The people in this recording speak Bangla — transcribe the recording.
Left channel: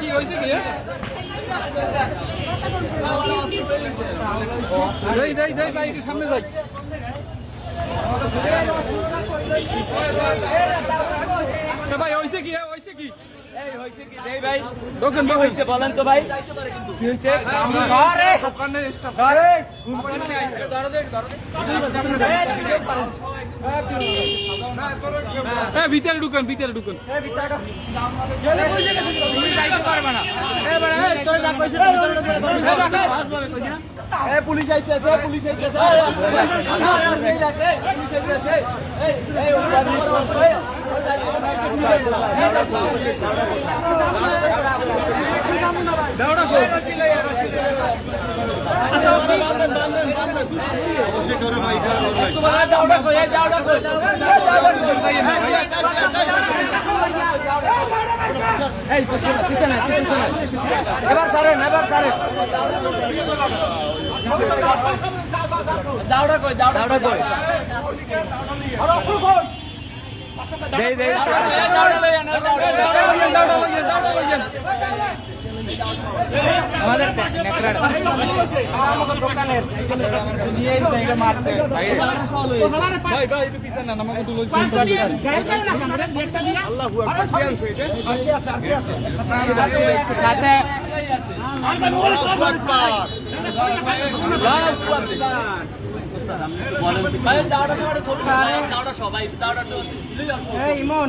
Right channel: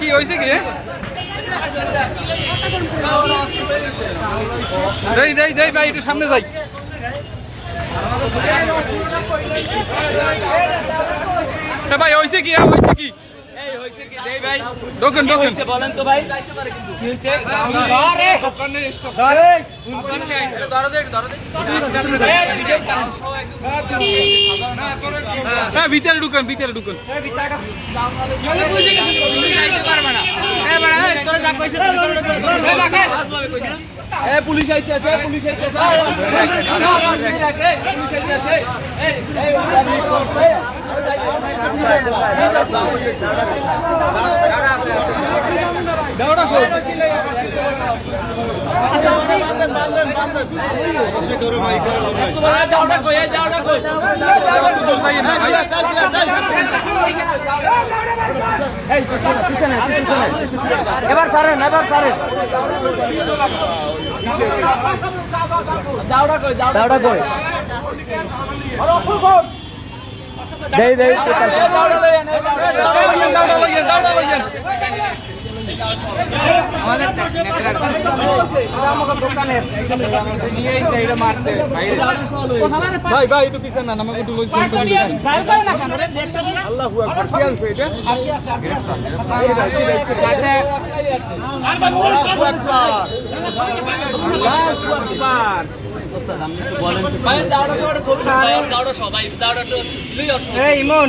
কি হয়েছে কি দেই দেই দেই ভাই একটু সামনে যাই ভাই হয়েছে কি হয়েছে কি দোকান দোকান বলেন তো ভাই কি হয়েছে আরে দোকানে স্টপ আরে ধরো দে হ্যাঁ ভিতরে ঢুকান এই ভিতরটা চলে বুঝে গেছে যাইতে পারবে না এই বড় এই তোরা যা কইছিস ভিতরে এই পুলিশ আইছে পুলিশ আইছে এই ওই করছে দাওড়া কই এবার সারেন দাওড়া কই দেই দাওড়া লইয়েন ভাই ভাই একটু পিছন না আমাকে একটু লই ইমন